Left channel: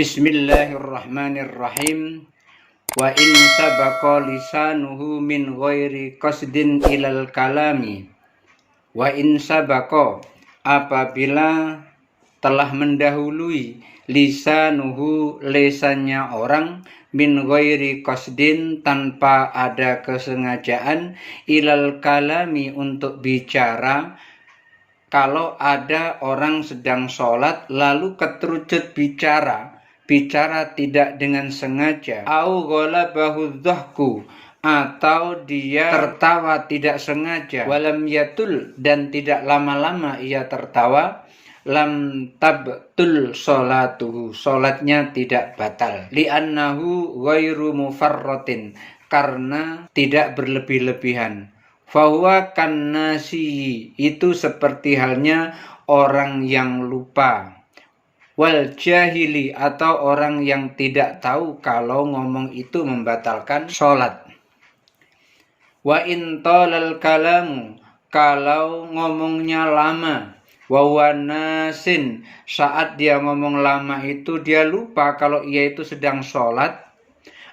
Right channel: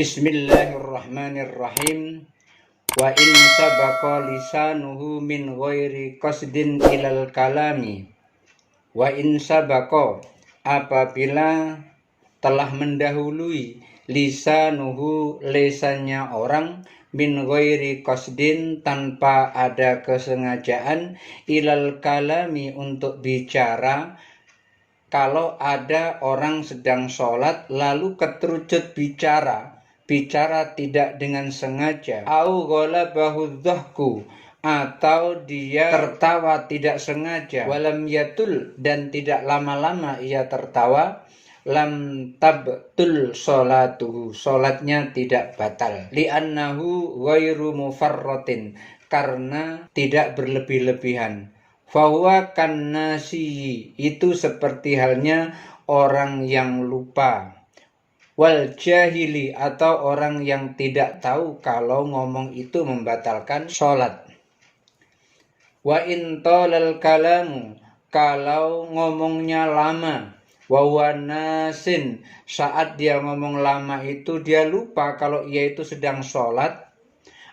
Bismillahirrahmanirrahim. Wa in sabaqa lisanuhu min ghairi qasdin ilal kalami. Wa in sabaqa, apabila telah mendahului lisanuhu, lesannya orang, min ghairi qasdin, tanpa ada kesengajaan, ilal kalami, untuk bicara. Kalau ada orang sedang sholat lalu keterucut bicara tidak dengan sengaja, au ghalabahu dhahku, atau dia tertawa tidak sengaja, walam yatul, dan tidak lama-lama ia tertawa, lam tabtul sholatuhu, sholatnya tidak batal, li'annahu ghairu mufarratin, karena tidak berlebih-lebihan. Fahuwa kannasi, itu seperti halnya orang yang lupa. Wal jahili, atau orang yang tidak tahu kalau ngomong itu membatalkan sholat. Wa in talal kalamu, kalau ngomongnya lama. Wa nasin, saat dia ngomong lama itu dia lupa kalau ia itu sedang sholat.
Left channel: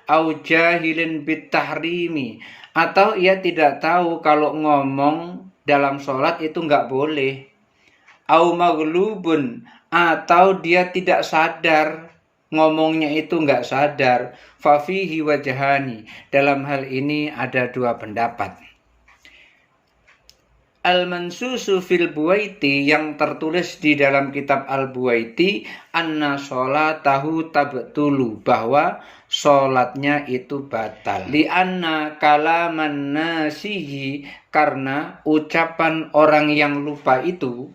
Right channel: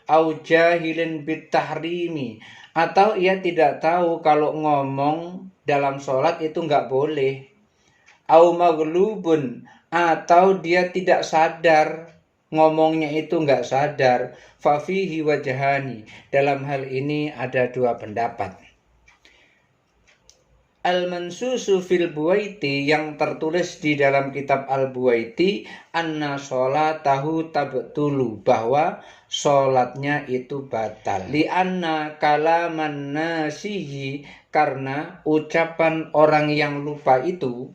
Au jahilin bitahrimi, atau ia tidak tahu kalau ngomong dalam sholat itu nggak boleh. Au maghlubun, atau dia tidak sadar, ngomongnya itu nggak sadar. Fafihi wajhani, dalam hal ini ada dua pendapat. Al-mansusu fil Buwaiti, yang tertulis di dalam kitab Al-Buwaiti, anna sholatahu tabtulu, bahwa sholatnya itu batal. Li'anna kalaman nasihi, karena ucapan orang yang lupa itu,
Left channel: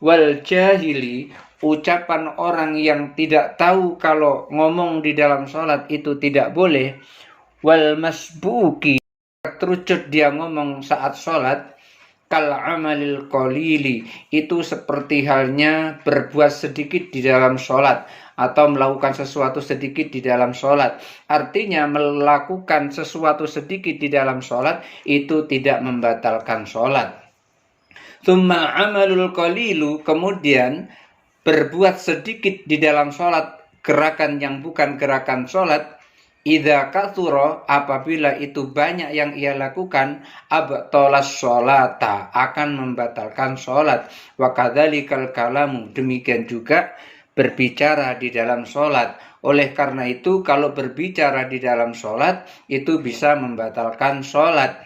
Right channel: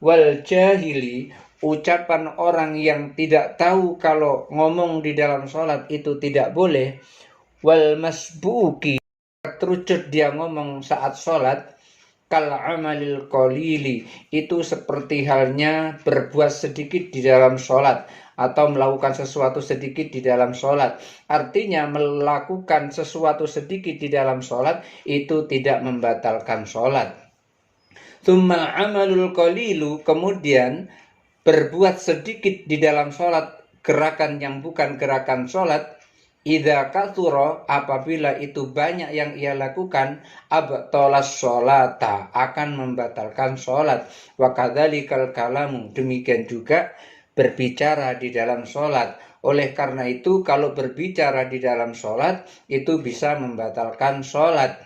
wal jahili, ucapan orang yang tidak tahu kalau ngomong di dalam sholat itu tidak boleh, wal masbuki, keterucut dia ngomong saat sholat, kal amalil qalili, itu seperti halnya berbuat sedikit di dalam sholat, atau melakukan sesuatu sedikit di dalam sholat. Artinya melakukan sesuatu sedikit di dalam sholat itu tidak membatalkan sholat. Tsumma amalul qalilu, kemudian berbuat sedikit di dalam sholat, gerakan yang bukan gerakan sholat, idza katsura, apabila itu banyak yang ia lakukan, abtalas sholata, akan membatalkan sholat. Wa kadzalikal kalamu, demikian juga berbicara di dalam sholat. Oleh karena itu, kalau berbicara di dalam sholat itu bisa membatalkan sholat.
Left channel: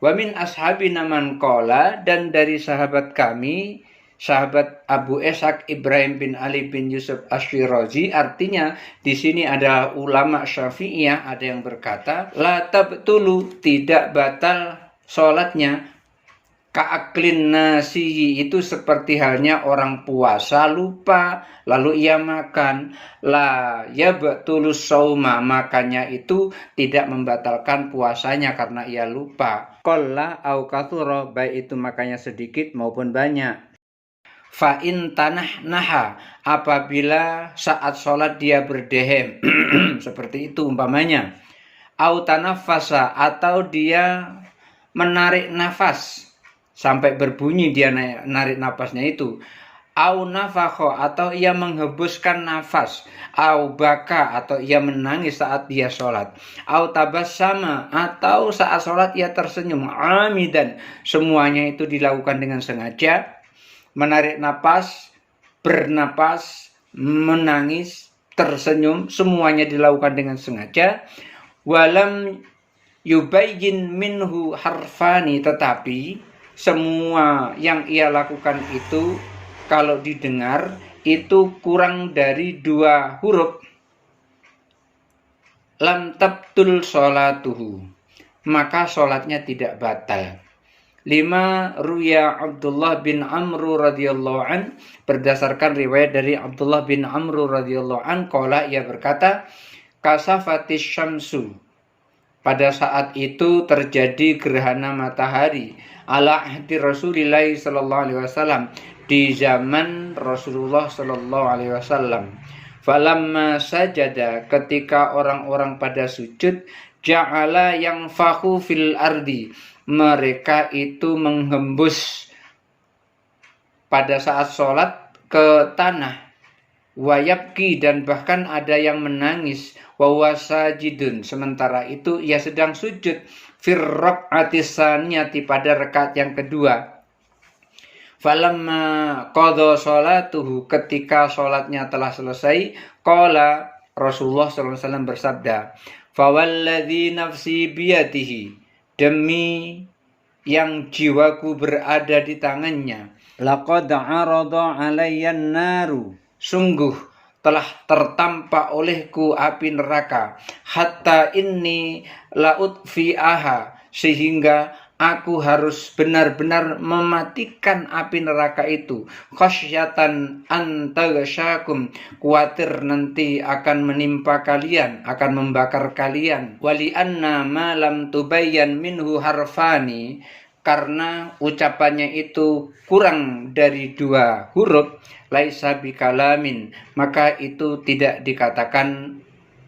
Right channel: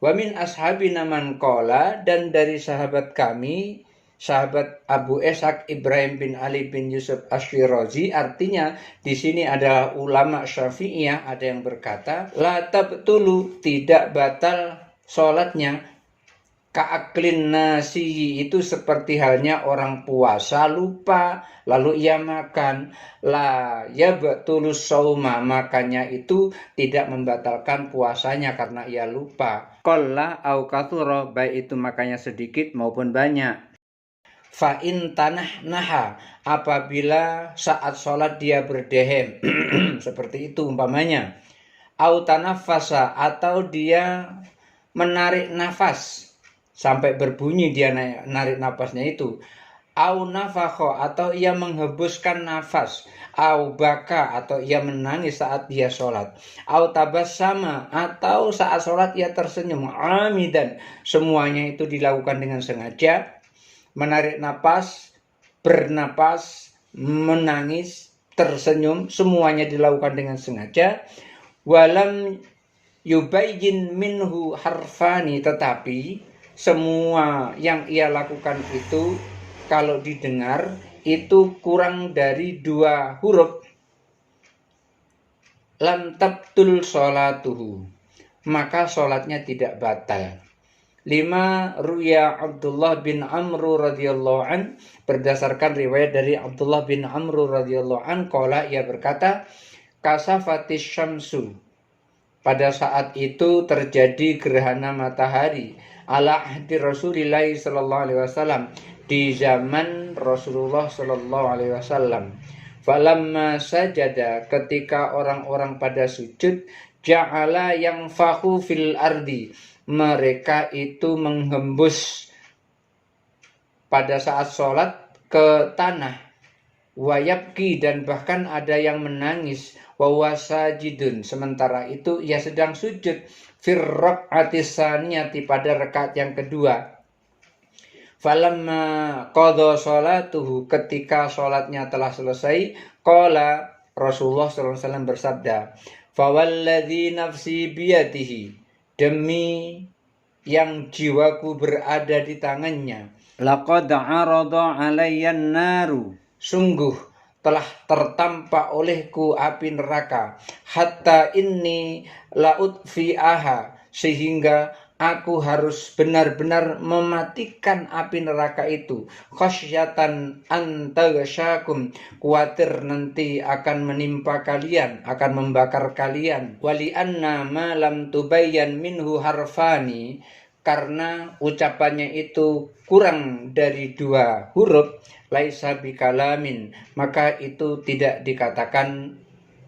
Wa min ashabina man qala, dan dari sahabat kami, sahabat Abu Ishaq Ibrahim bin Ali bin Yusuf Ash-Shirazi, artinya di sini ada ulama Syafi'iyah, ada yang berkata la tabtulu, tidak batal sholatnya, ka'aklin nasi, itu seperti halnya orang puasa lupa lalu ia makan, la yabtulus shauma, makanya itu tidak membatalkan puasanya karena ia lupa. Qalla au katsura, baik itu makanya sedikit maupun banyak. Fa in tanah naha, apabila saat sholat dia berdehem seperti itu umpamanya, au tanafasa, atau dia menarik nafas sampai berbunyi dia narik nafasnya itu, au nafakho, atau ia menghembuskan nafas, au baka, atau ia menangis saat dia sholat, au tabassama, atau saat sholat ia tersenyum, amidan, semuanya itu dilakukan dengan sengaja. Menarik napas, bernapas, menangis, tersenyum, semuanya dilakukan dengan sengaja. Walam yubayyin minhu harfani, tetapi semua yang ia lakukan itu kalau didengar itu kurang dari 2 huruf, lam tabtul sholatuhu, maka sholatnya tidak batal. 5. Ruya Abdullah bin Amru radhiyallahu an, berdasarkan riwayat dari Abdullah bin Amru radhiyallahu an, qala, ia berkata, kasafatis syamsu, pada saat itu terjadi gerhana matahari, ala ahdi Rasulillah sallallahu alaihi wasallam, di zaman Rasulullah sallallahu alaihi wasallam. Falamma sajada, ketika orang-orang pada sujud, ja'ala yang fahu fil ardi, mereka itu menghembus pada saat sholat ke tanah, wayabki, dan bahkan ada yang menangis, wawasajidun, sementara itu ia sedang sujud, firraq'ati tsaniyati, pada rakaat yang kedua. Falamma qadha sholatuhu, ketika sholatnya telah selesai, qala, Rasulullah SAW bersabda, fawalladzi nafsi biyadihi, demi yang jiwaku berada di tangannya, laqad arada alayyan naru, sungguh telah tertampak olehku api neraka, hatta inni lautfi'aha, sehingga aku harus benar-benar mematikan api neraka itu, khasyatan antaghsyakum, khawatir nanti akan menimpa kalian, akan membakar kalian. Wali anna ma lam tubayyan minhu harfani, karena ucapannya itu kurang dari 2 huruf, laisa bikalamin, maka itu tidak dikatakan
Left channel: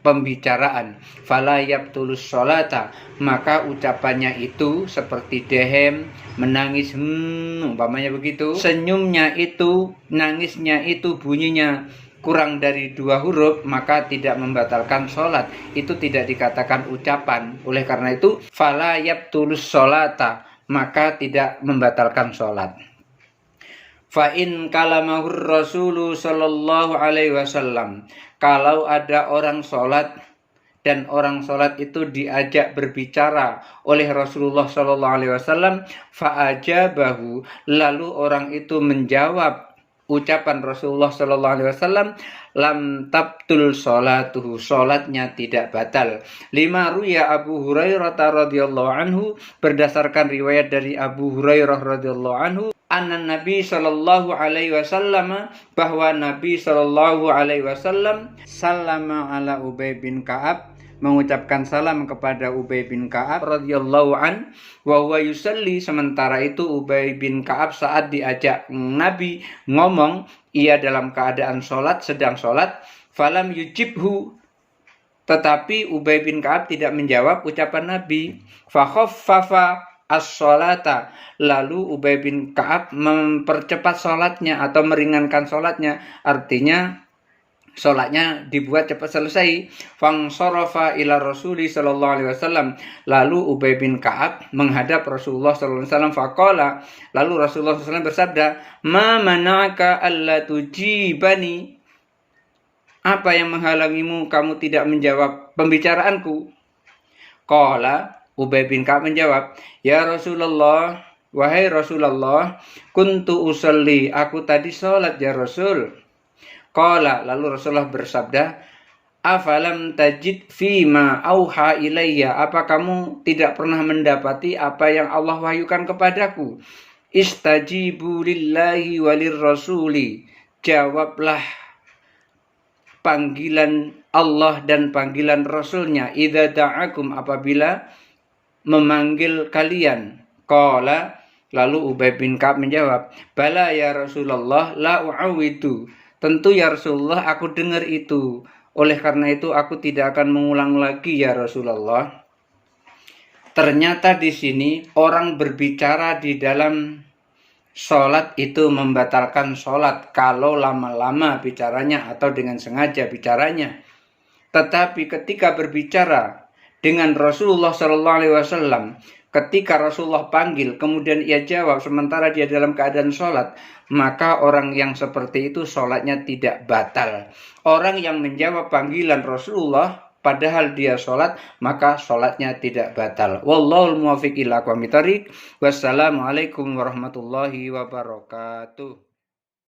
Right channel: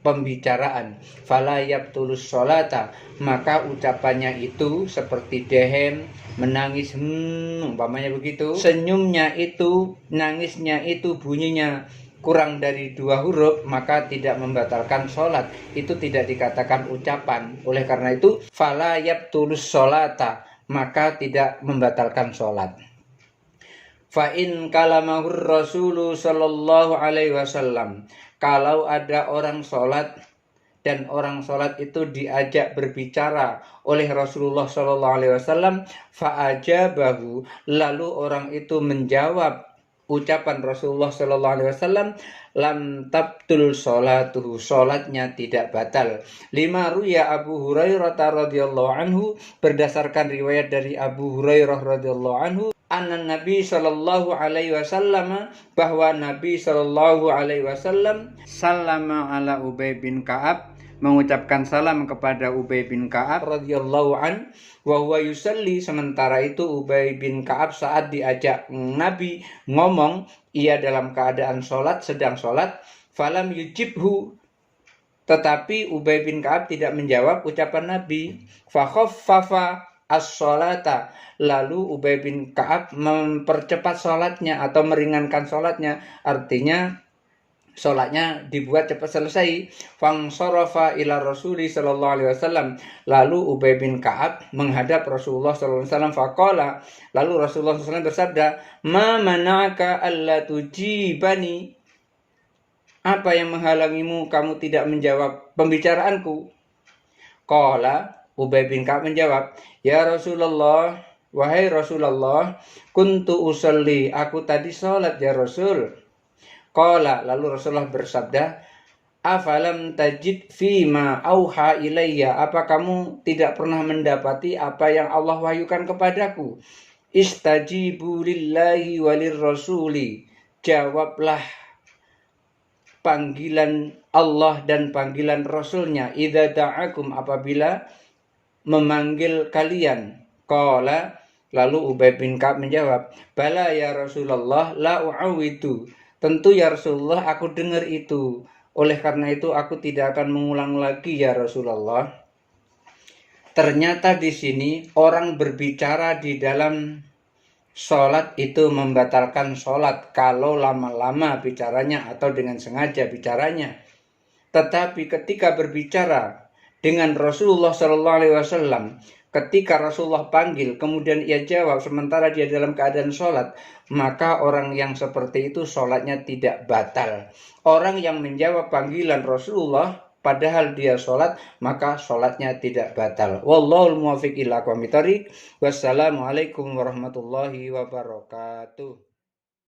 pembicaraan. Fala yabtulus sholata, maka ucapannya itu seperti dehem, menangis, umpamanya begitu. Senyumnya itu, nangisnya itu bunyinya kurang dari 2 huruf, maka tidak membatalkan sholat. Itu tidak dikatakan ucapan. Oleh karena itu, fala yabtulus sholata, maka tidak membatalkan sholat. Fa in kalamahur Rasulu sallallahu alaihi wasallam, kalau ada orang sholat dan orang sholat itu diajak berbicara oleh Rasulullah sallallahu alaihi wasallam, fa'ajabahu, lalu orang itu menjawab ucapan Rasulullah sallallahu alaihi wasallam, lam tabtul sholatuhu, sholatnya tidak batal. Lima ruya Abu Hurairah radhiyallahu anhu, berdasarkan riwayat dari Abu Hurairah radhiyallahu anhu, anna Nabi sallallahu alaihi wasallam, bahwa Nabi sallallahu alaihi wasallam sallama ala Ubay bin Ka'ab, mengucapkan salam kepada Ubay bin Ka'ab radhiyallahu an, wa huwa yusalli, sementara itu Ubay bin Ka'ab saat diajak Nabi ngomong, ia dalam keadaan sholat, sedang sholat. Falam yujibhu, tetapi Ubay bin Ka'ab tidak menjawab ucapan Nabi. Fa khaffafa as-sholata, lalu Ubay bin Ka'ab mempercepat sholatnya atau meringankan sholatnya, artinya sholatnya dibuat cepat selesai. Fangsarafa ila Rasuli sallallahu alaihi wasallam, lalu Ubay bin Ka'ab menghadap Rasulullah sallallahu alaihi wasallam. Faqala, lalu Rasulullah sallallahu alaihi wasallam bersabda, ma mana'aka alla tujibani, apa yang menghalangimu kamu tidak menjawab pembicaraanku? Qala, Ubay bin Ka'ab menjawab, ya Rasulullah, wahai Rasulullah, kuntu usalli, aku tadi sholat ya Rasul. Qala, lalu Rasulullah bersabda, afalam tajid fima auha ilayya, apa kamu tidak pernah mendapati apa yang Allah wahyukan kepadaku? Istajibu lillahi walir rasuli, jawablah panggilan Allah dan panggilan Rasulnya, idza da'akum, apabila memanggil kalian. Qala, lalu Ubay bin Ka'ab menjawab, bala ya Rasulullah, la u'awidu, tentu ya Rasulullah, aku dengar itu, oleh karena itu aku tidak akan mengulang lagi ya Rasulullah. Ternyata di sini orang berbicara di dalam sholat itu membatalkan sholat kalau lama-lama bicaranya atau dengan sengaja bicaranya. Tetapi ketika berbicara dengan Rasulullah SAW, ketika Rasulullah panggil kemudian ia jawab sementara dia dalam keadaan sholat, maka orang yang seperti itu sholatnya tidak batal. Orang yang menjawab panggilan Rasulullah padahal dia sholat, maka sholatnya tidak batal. Wallahul muwaffiq ila aqwamit thoriq. Wassalamualaikum warahmatullahi wabarakatuh.